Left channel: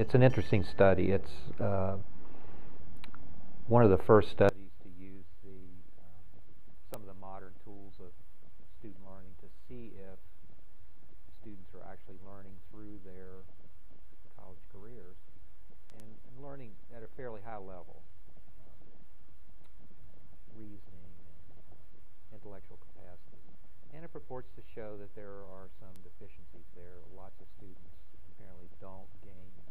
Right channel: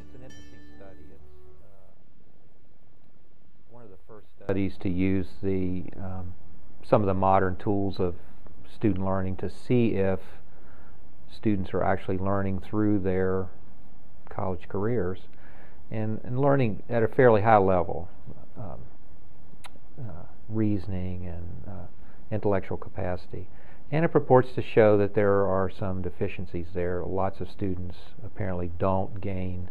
It's an interesting study. It's one of the first studies to use some of the modern tools of student learning to see if students are actually learning through their college careers and learning at a fairly high level, reasoning and intellectual capacity. And it purports to show that there are some deficiencies there. Lots of students apparently don't gain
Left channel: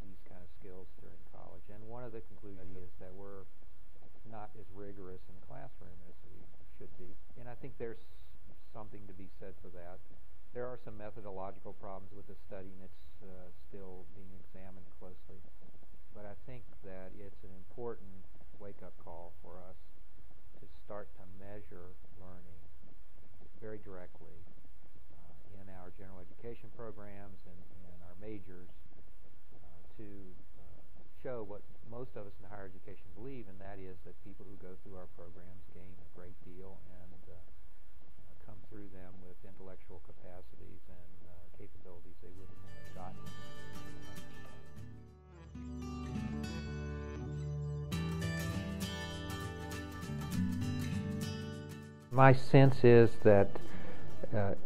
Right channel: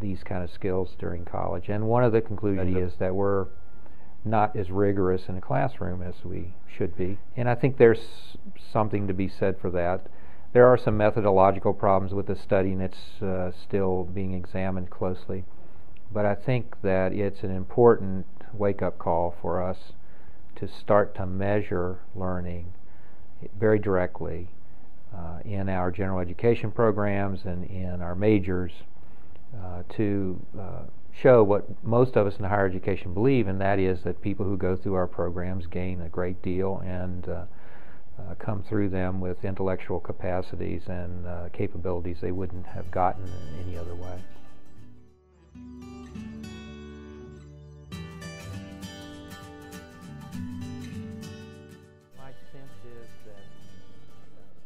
these kind of skills during college. And one of the conclusions is that we're not as rigorous in a classroom as we should be. And I think there's something to be said for that. There are some methodological problems with the study, and it's still being examined closely. But I think that it's an important wake-up call for us to start to measure learning very directly in our general education programs and in our majors to show what most of us in higher education believe, and that is that people who go through our programs gain a great deal and come through them with intellectual capacities and capabilities they wouldn't have gotten any other way. My sense is that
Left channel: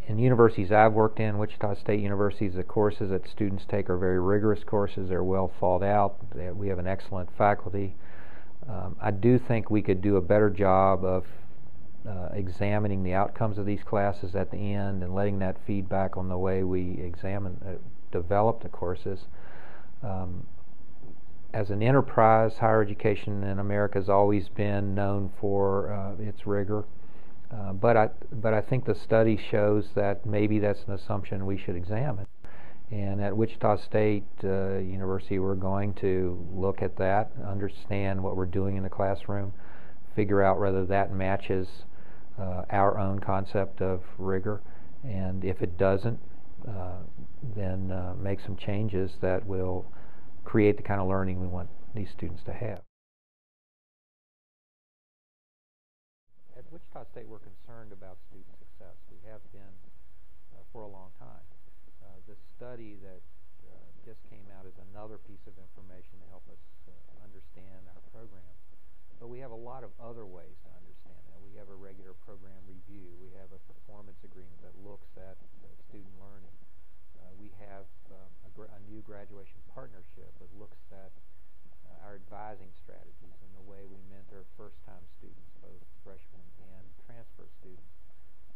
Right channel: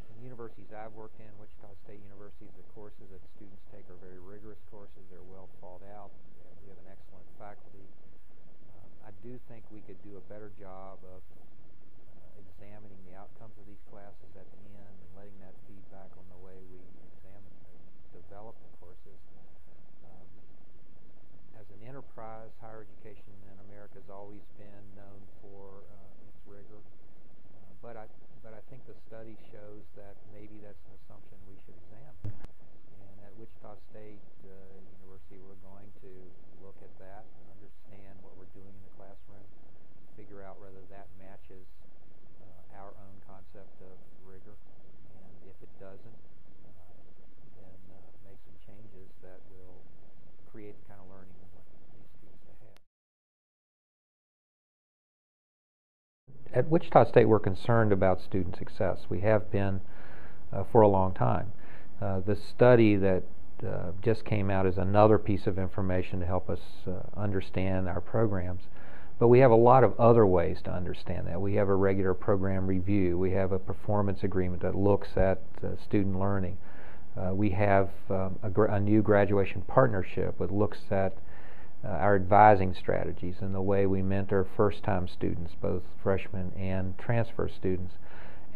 in universities I've worked in, Wichita State University, the courses that students take are very rigorous courses. They're well thought out. We have an excellent faculty. I do think we could do a better job of examining the outcomes of these classes at the end and letting that feedback on the way we develop the courses. As an enterprise, higher education in America has always been known for its rigor. But I think the study shows that maybe that's an assumption we should examine. And at Wichita State University, we're going to look at that, understand what we're doing in the classroom, figure out whether that matches our own concept of rigor. And if it doesn't, then make some changes that will create the kind of learning we want these students to have. At Wichita State, we're concerned about student success. We have been for a long time. The study that just came out is another piece of information to help us understand our programs. But we have a lot of other ways to understand that. We have a regular program review. We have a performance agreement that looks at student learning. We have a new graduation partnership that looks at our advising strategies and the way we mentor first-time students, both freshmen and transfer students.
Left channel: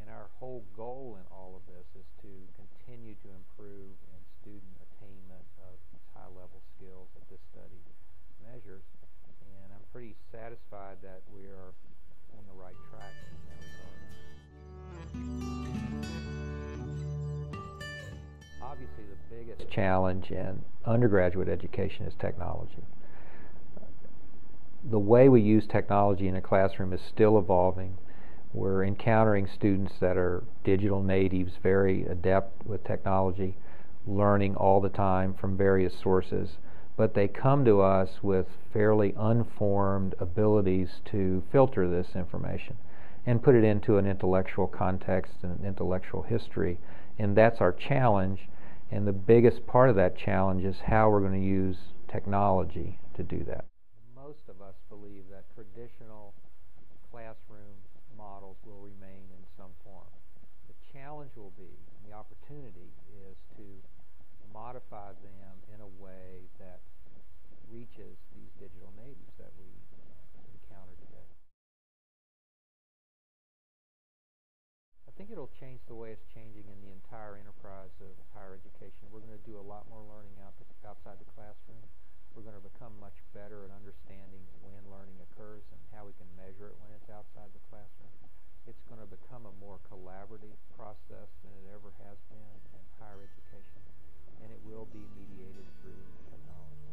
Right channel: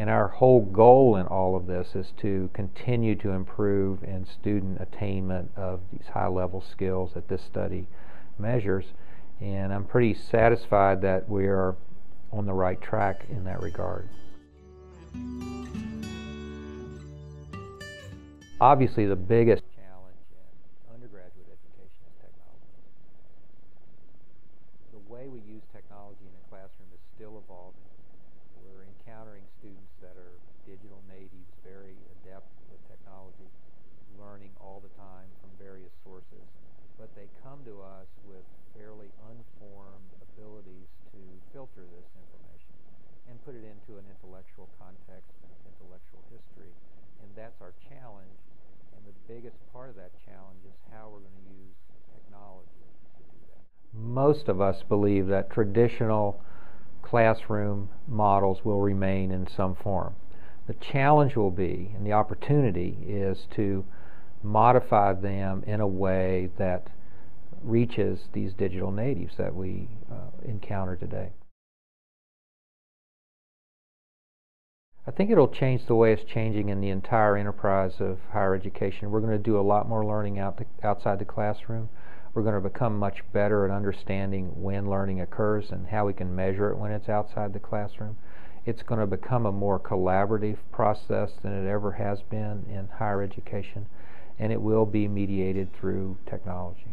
And our whole goal in all of this is to continue to improve in student attainment of these high-level skills that this study measures. And I'm pretty satisfied that we are on the right track in that regard. Obviously, the biggest challenge in undergraduate education is technology. The way we use technology in a classroom is still evolving. We're encountering students that are digital natives, very adept with technology, learning all the time from various sources, but they come to us with fairly unformed abilities to filter this information and put it into an intellectual context and intellectual history. And that's our challenge, and the biggest part of that challenge is how we're going to use technology to do that. Most of us believe that traditional classroom models will remain in some form. The challenge will be, and the opportunity is to modify them in a way that reaches these digital natives that we encounter today. I think it'll change the way it's changing in the entire enterprise of higher education. We're going to do a lot more learning outside the classroom. We're going to become much better at understanding when learning occurs and how we can measure it when it's outside the classroom. It's going to become a more collaborative process than it ever has been in higher education, and it will be mediated through technology.